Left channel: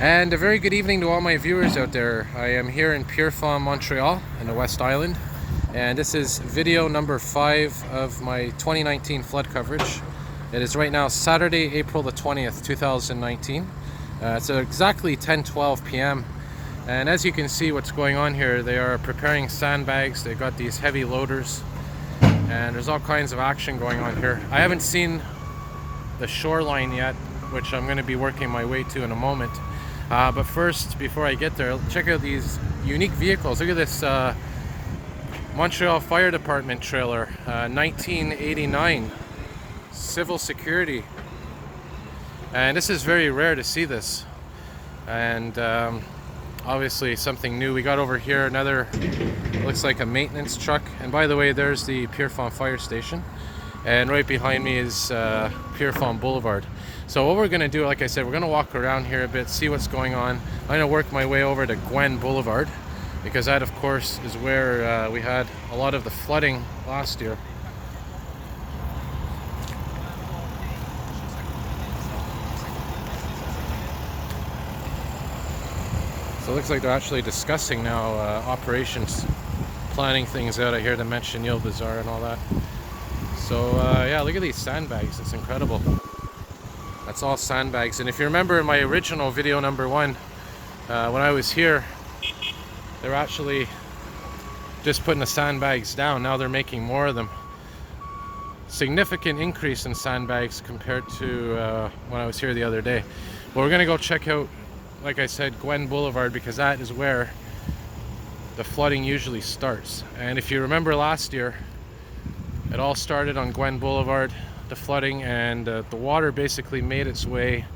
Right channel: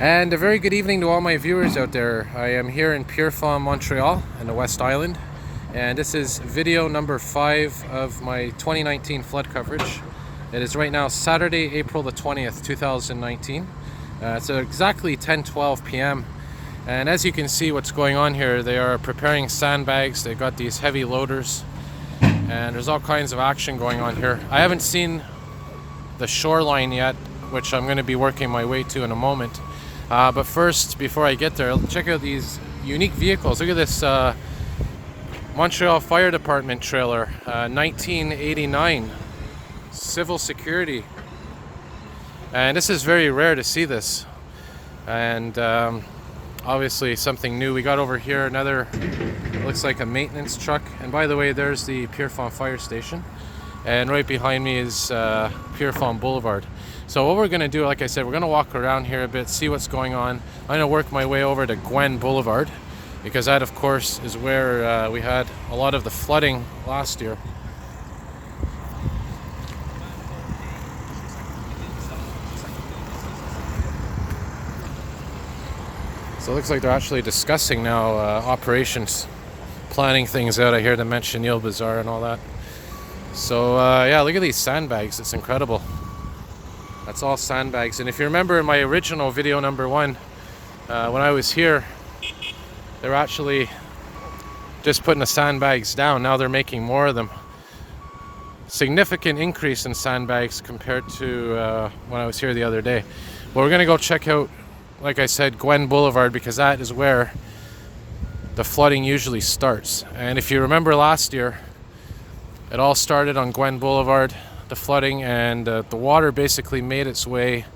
And a very good evening to all my viewers out there. I am here in Pierrefonds, Montreal in the West Island, and this is video number 5 of my 2019 flood coverage. It is right now Saturday, April the 20th, 2019. It's exactly 10:12 p.m. and as you can see what's going on here, they are preparing sandbags. They've got these heavy loaders and there's all kinds of action going on here. I haven't seen the shoreline yet, which I'm going to be working my way to in a moment. But first, before I get there, check out these unique vehicles. Look at this Montreal Fire Department trailer, 1989, civil security. And this is very rare to see this. And obviously something new. We got over here another, looks like a maintenance truck. And by the way, there's the Pierrefonds fire station. And right behind me is Gouin Boulevard. So what we're going to do, like I said, we're going to walk around here a bit, see what's going on. I'm going to work my way over to Gouin Boulevard, because that, of course, is where we had a lot of the flooding last year. So it looks like they're actually discussing now operations, planning things out. I hear them mention Montreal Bazaar and all that. So yeah, look at these sandbags. It's incredible. That's all sandbags. And if you remember my original video number 1, when I was here, they were actually just putting the sandbags down. Now they're making more of them. Significant increase in sandbags compared to when I was here the other day. But we're gonna go check out, like I said, Gouin Boulevard, because that is where the flooding usually starts. And if you remember last year, it all started on Gouin Boulevard, the flooding, and the water basically made its way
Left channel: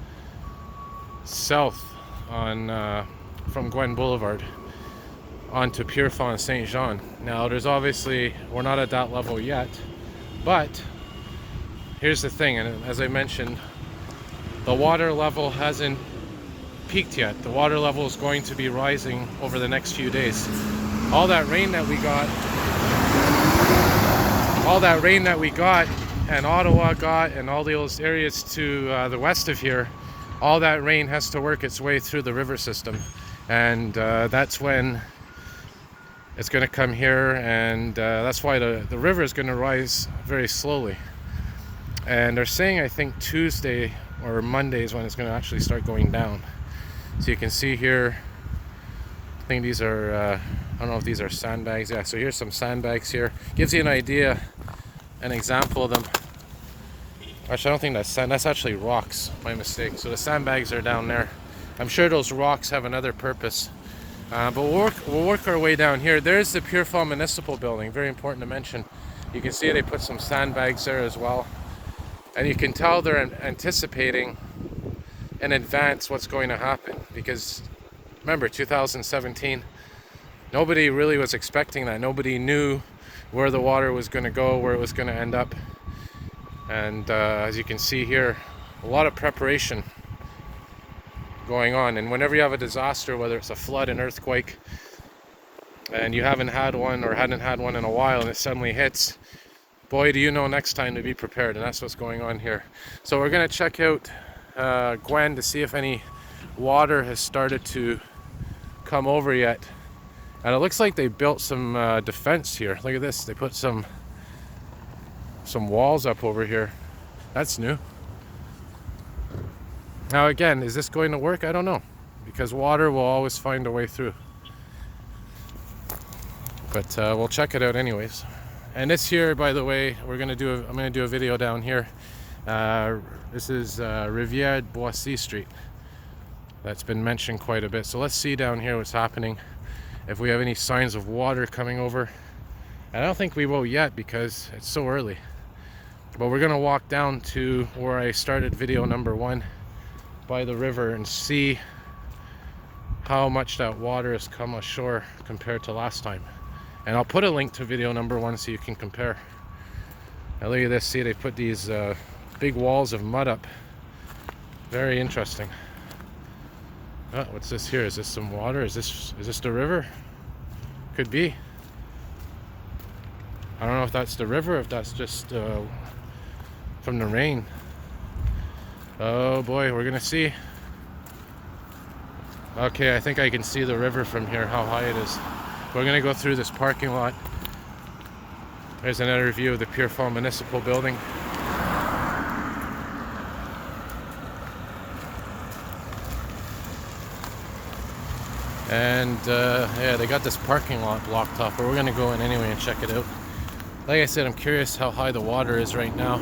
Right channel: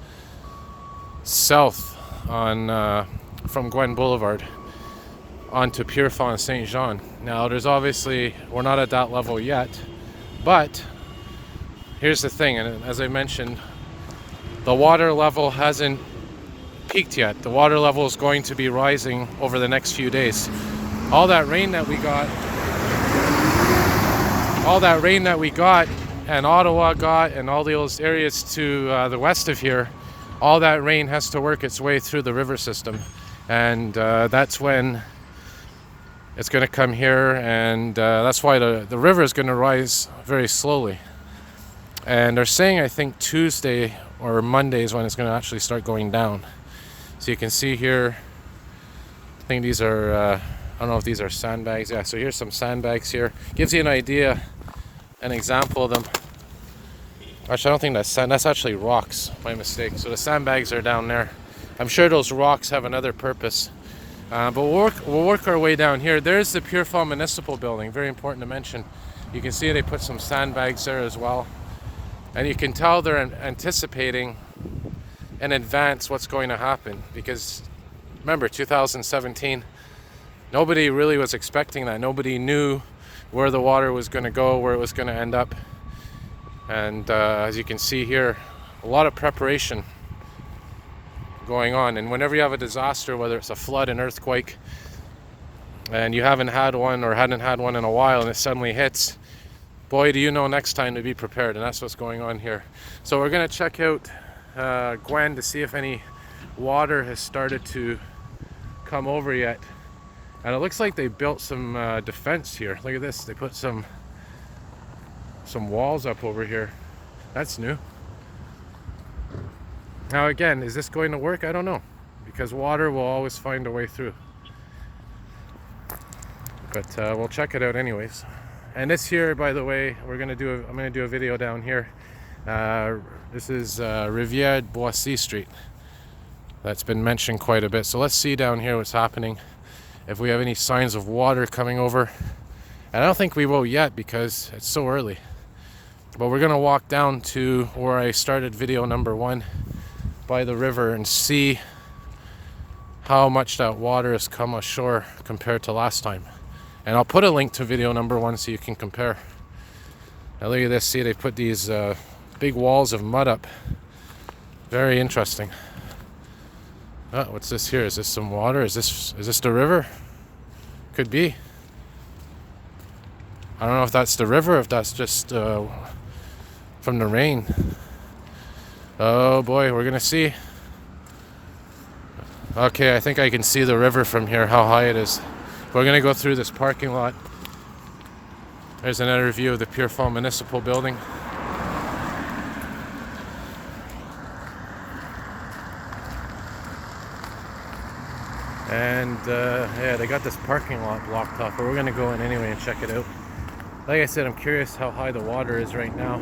south on from Gouin Boulevard onto Pierrefonds and Saint Jean. Now there's obviously, we're not at that level yet, but here's the thing, and as I mentioned, the water level hasn't peaked yet. The water level is going to be rising over the next few days. All that rain that we got and Ottawa got, and all those areas to the west of here, all that rain has to work its way through the river system, and that's when it's going to come here, and that's why the river is going to rise very slowly. And they're saying, I think Tuesday or Monday is when it's going to actually start going down. So you can see here, I think these are I don't know if these are sandbags. Yeah, so here's some sandbags here. Gives you an idea, an example of them. Actually, I don't think that's sand. That's actually rocks. My mistake. So the sandbags are down there. I'm sure those rocks have another purpose. But we'll work our way down here. There's the Pierrefonds Municipal Building. Very important to mention. You can see they put some sandbags there as well. And you can tell they're anticipating in advance what's going to happen. Because remember, 2017, nobody really was expecting that. Nobody knew where the water was going to go, where it was going to end up. And as you can see here, a lot of preparation going on. And whenever you have a disaster, whether it's a flood, an earthquake, and you haven't had one or hadn't had one in a while, and it suddenly hits, boy, do you know next time to be prepared. And that's what's going on here. So we're going to check out Gouin to see if any water has started to come over yet. And it looks like they built some defense here. Look at this. They put some walls up over here. That's new. Now again, is this going to work? I don't know, because water will always find a way through. But we'll check it out anyways. And this here, by the way, I'm going to do a video down here. This is Rivière Boissy Street. That's been mentioned quite a bit. So let's see down here what's happening. If we have any signs of water coming over. And I don't think we will yet because it's so early. But we're going to walk down to where I started video number 1 by the river and see how much that water has come ashore compared to last time. And I'll put a link to video number 1 so you can compare. Now look at this. See, they put these big walls of mud up. Very interesting. Oh, what's this here? Is this some water? Is this the river? Could be. I don't know if that's the river or if that's just from the rain. Oh boy, we're gonna see. Okay, I think I can see the river from here, how high it is. We're gonna go through this parking lot. There's another view of the Pierrefonds Municipal Building. And yeah, they got this parking lot blocked off, but we're gonna go in anyway and check it out. Like I said, I'm curious how high the water is right now.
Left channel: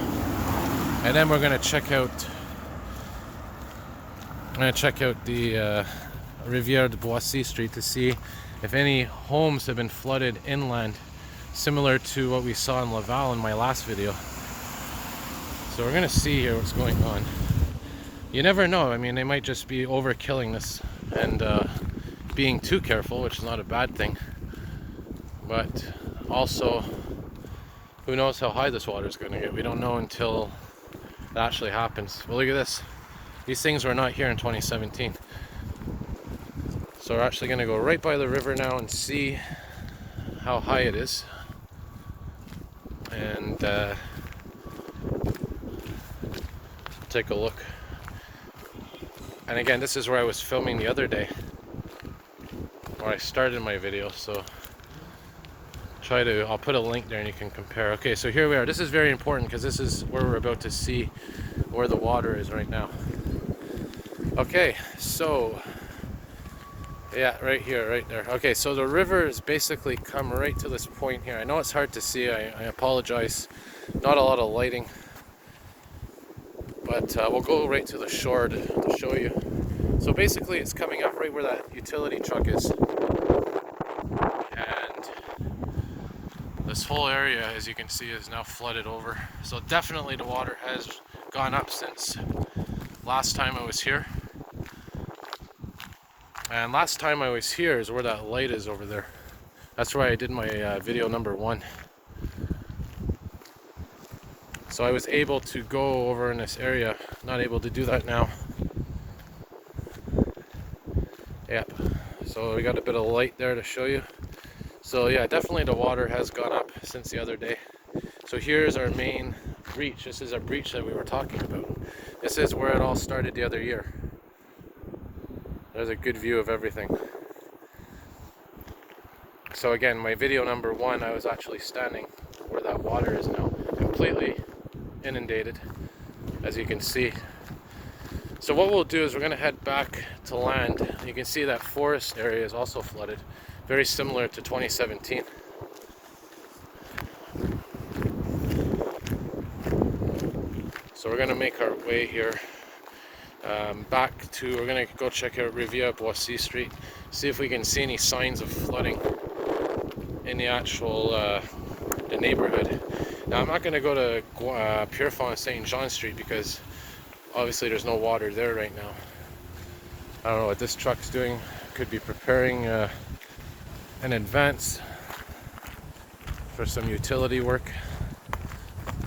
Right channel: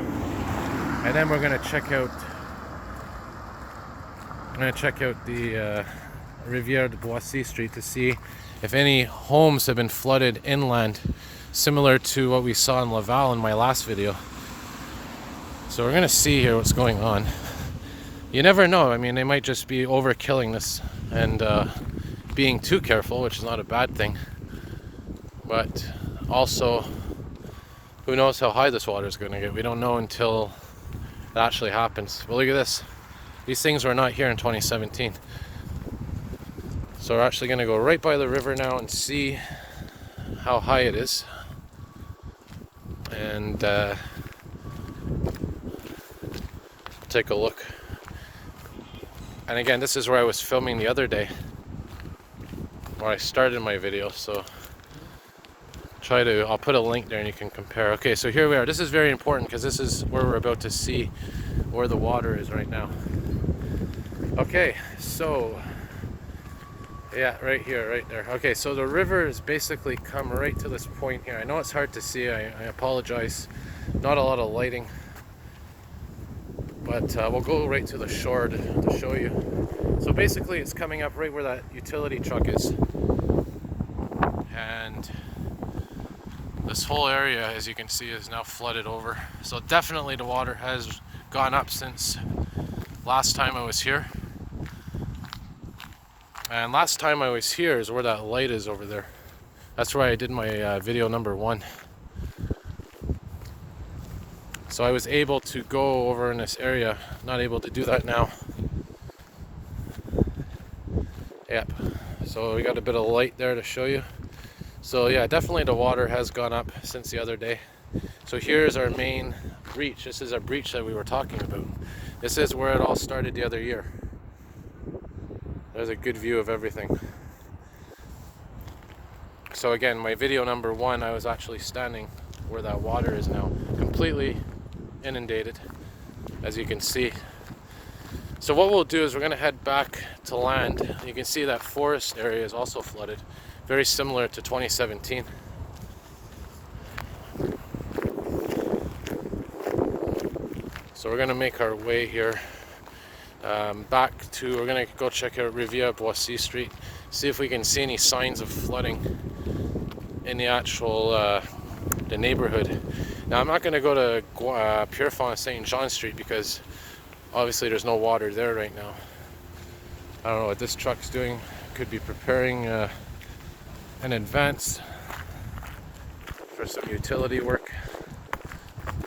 And then we're gonna check out the Rivière de Boissy Street to see if any homes have been flooded inland, similar to what we saw in Laval in my last video. So we're gonna see here what's going on. You never know. I mean, they might just be overkilling this and being too careful, which is not a bad thing. But also, who knows how high this water is going to get? We don't know until it actually happens. But look at this. These things were not here in 2017. So we're actually going to go right by the river now and see how high it is. And take a look. And again, this is where I was filming the other day, where I started my video, so I'll put a link there and you can compare. Okay, so here we are. This is very important because this is where we're about to see where the water is right now. Okay, so yeah, right here, right there. Okay, so the river has basically come right to this point here. I know it's hard to see, I apologize. Not a lot of lighting, but we'll go right to the shore to show you. So basically it's coming up right where that utility truck is. And this whole area, as you can see, is now flooded over. So definitely the water has gone up since last time I was here. And last time I was here is where that light is over there. That's where I did my video number 1. So I was able to go over in this area. Not able to do that now. Yep. So we got a bit of light there to show you. So yeah, definitely the water has gone up since the other day. So here's our main breach. This is a breach that we were talking about. This is where it all started the other year. There's a good view of everything. So again, my video number 1, I was actually standing where that water is now, completely inundated, as you can see. So what we'll do is we're going to head back to land. You can see that forest area is also flooded, very similar to 2017. So we're going to make our way here back to, we're going to go check out Rivière Boissy Street, see if we can see any signs of flooding in the actual the neighborhood. Now I'm not going to go to Pierrefonds St. John Street because obviously there's no water there right now. I don't know what this truck's doing. Could be preparing in advance for some utility work.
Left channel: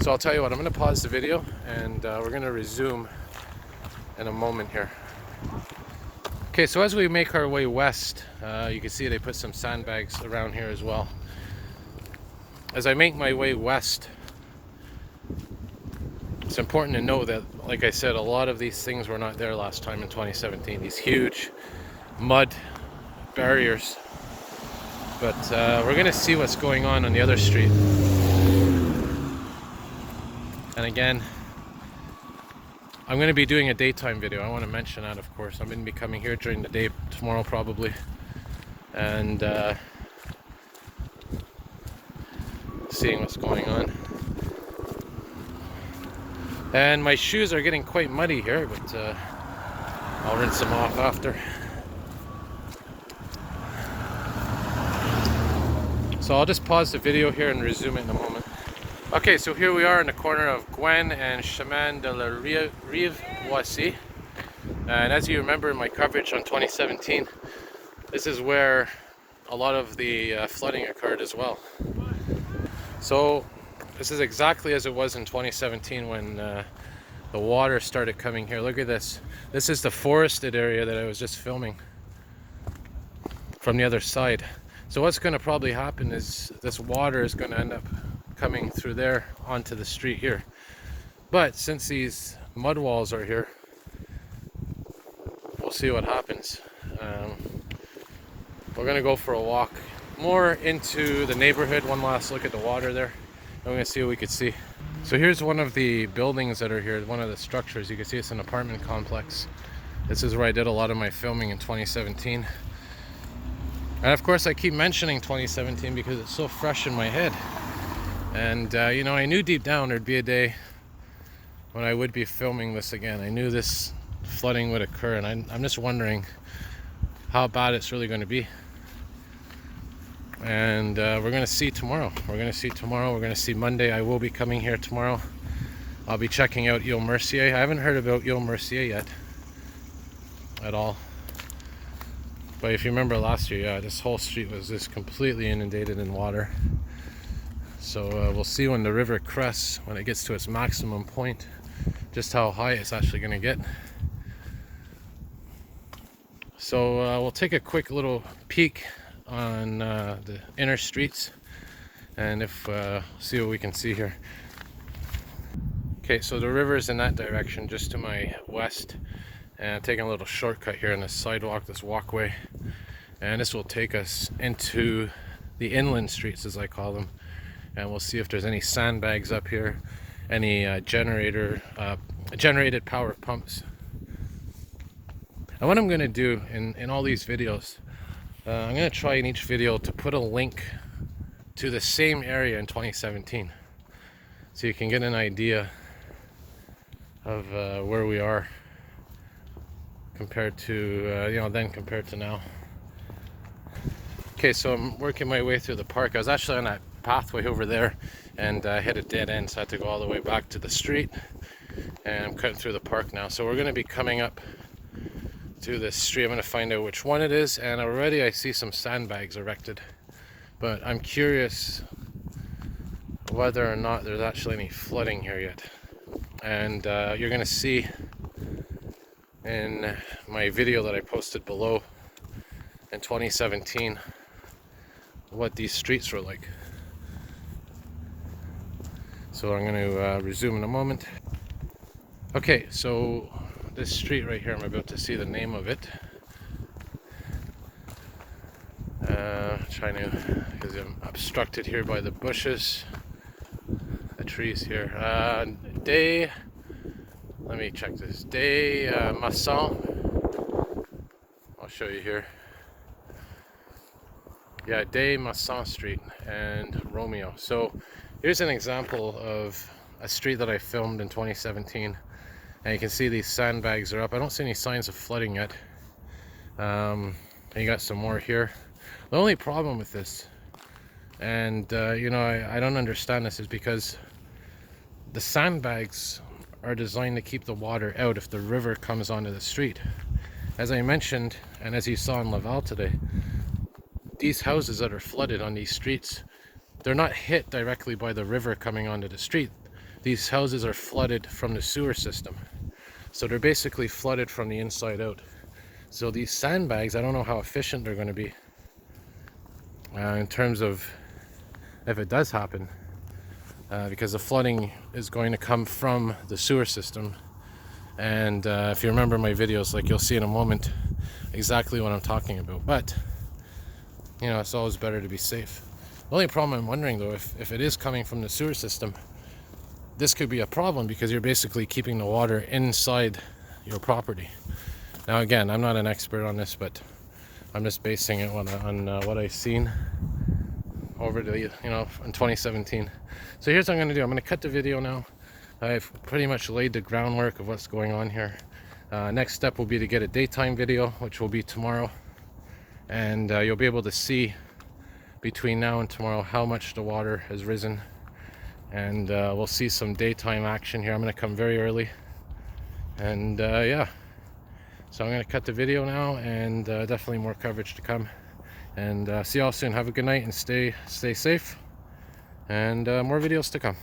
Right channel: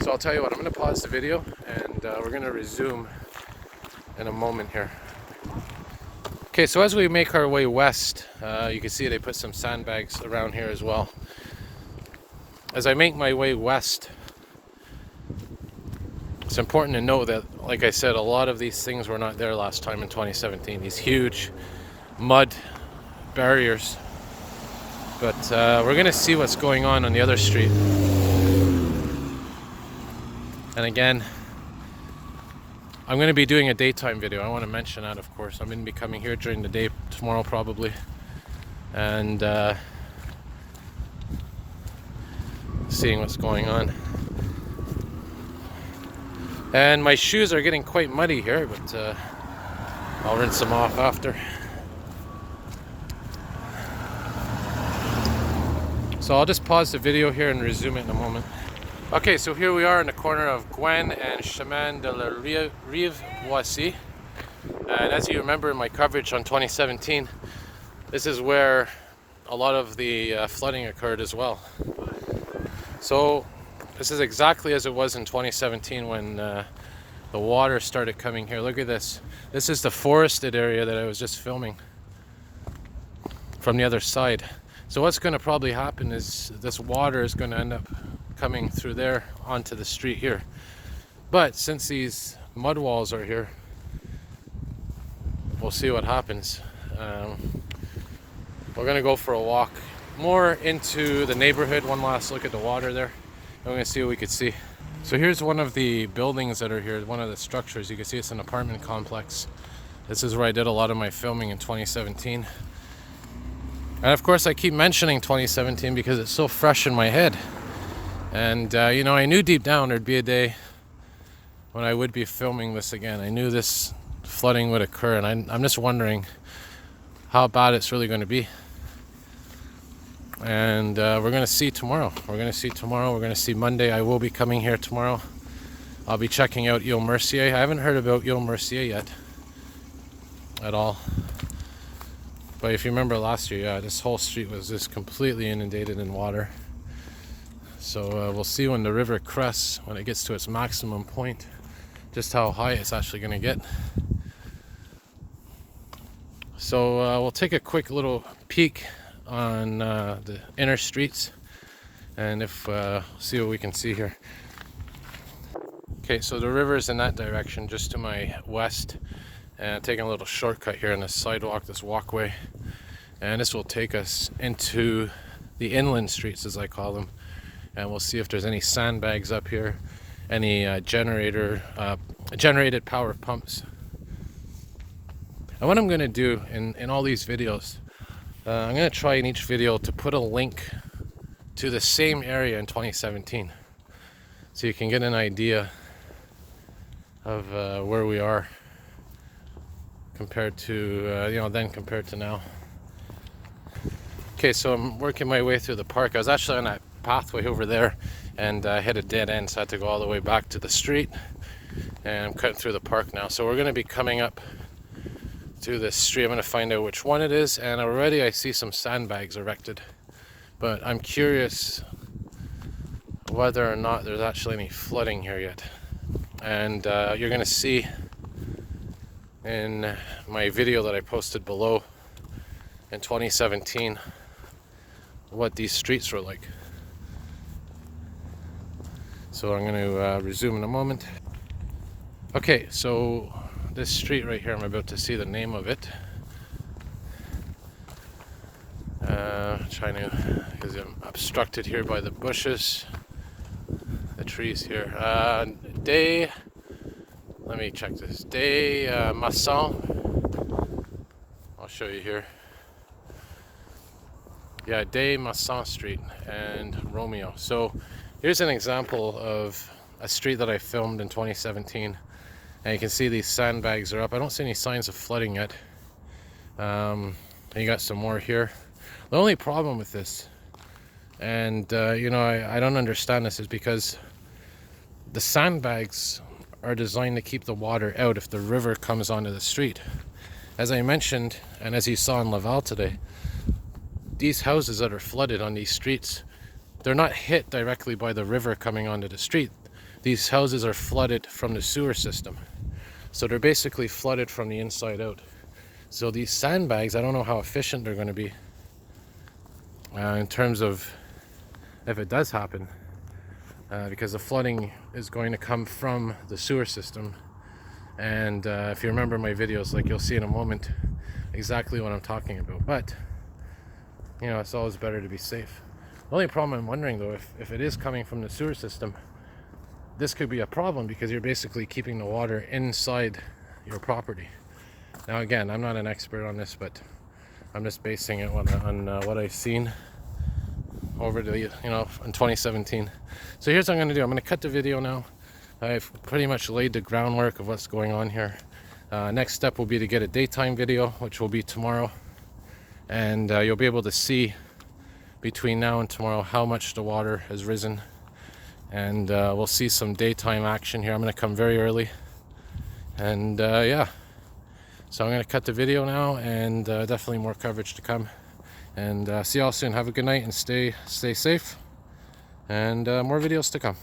So I'll tell you what, I'm going to pause the video and we're going to resume in a moment here. Okay, so as we make our way west, you can see they put some sandbags around here as well. As I make my way west, it's important to know that, like I said, a lot of these things were not there last time in 2017. These huge mud barriers. But we're going to see what's going on the other street. And again, I'm going to be doing a daytime video. I want to mention that, of course. I'm going to be coming here during the day tomorrow probably. And seeing what's going on. And my shoes are getting quite muddy here, but I'll rinse them off after. So I'll just pause the video here and resume it in a moment. Okay, so here we are in the corner of Gouin and Chemin de la Rive Boissy. And as you remember in my coverage on 2017, this is where a lot of the flooding occurred as well. So this is exactly as it was in 2017 when the water started coming here. Look at this. This is the forested area that I was just filming from the other side. So what's going to probably happen is this water is going to end up coming through there onto the street here. But since these mud walls are here, we'll see what happens. We're gonna go for a walk more into the neighborhood. One last look at the water there. I'm gonna see what we could see. So here's one of the buildings that are here, one of the structures. You can see it's an apartment complex. This is where I did a lot of my filming in 2017. And of course I keep mentioning 2017 because it's so fresh in my head. And you know, I knew deep down there'd be a day when I would be filming this again. I knew this flooding would occur, and I'm just wondering how bad it's really going to be. And we're going to see tomorrow. We're going to see Monday. I will be coming here tomorrow. I'll be checking out Ile Mercier. I haven't heard about Ile Mercier yet at all. But if you remember last year, yeah, this whole street was just completely inundated in water. So we'll see when the river crests, when it gets to its maximum point, just how high it's actually going to get. So we'll take a quick little peek on the inner streets, and see what we can see here. Okay, so the river is in that direction, just to my west, and taking a little shortcut here on this sidewalk, this walkway, and this will take us into the inland streets, as I call them, and we'll see if there's any sandbags up here, any generated power pumps. And what I'm going to do in all these videos, I'm going to try in each video to put a link to the same area in 2017, so you can get an idea of where we are compared to compared to now. Okay, so I'm working my way through the park. I was actually on that pathway over there, and I hit a dead end, so I had to go all the way back to the street, and I'm cutting through the park now. So we're going to be coming up to this street. I'm going to find out which one it is, and already I see some sandbags erected, but I'm curious whether or not there's actually any flooding here yet. And you're going to see in my video that I posted below in 2017 what these streets were like. So I'm going to resume in a moment. Okay, so this street right here, I'm about to see the name of it. Because I'm obstructed here by the bushes, the trees here. Let me check this. Masson. I'll show you here. Yeah, Des Masson Street and Romeo. So here's an example of a street that I filmed in 2017. And you can see these sandbags are up. I don't see any signs of flooding yet. And you got some more here. The only problem with this, and you know, I don't understand this, is because the sandbags are designed to keep the water out if the river comes onto the street. As I mentioned, and as you saw in Laval today, these houses that are flooded on these streets, they're not hit directly by the river coming onto the street. These houses are flooded from the sewer system. So they're basically flooded from the inside out. So these sandbags, I don't know how efficient they're going to be in terms of if it does happen, because the flooding is going to come from the sewer system. And if you remember my videos, like you'll see in a moment exactly what I'm talking about. But you know, it's always better to be safe. The only problem I'm wondering though, if it is coming from the sewer system, this could be a problem because you're basically keeping the water inside your property. Now again, I'm not an expert on this, but I'm just basing it on what I've seen over the, in 2017. So here's what I'm going to do. I'm going to cut the video now. I've pretty much laid the groundwork of what's going on here. Next step will be to get a daytime video, which will be tomorrow. And you'll be able to see between now and tomorrow how much the water has risen. And we'll see some daytime action here. I'm going to come very early. And yeah. So I'm going to cut the video now, and definitely more coverage to come. And see y'all soon. Have a good night and stay safe. And more videos to come.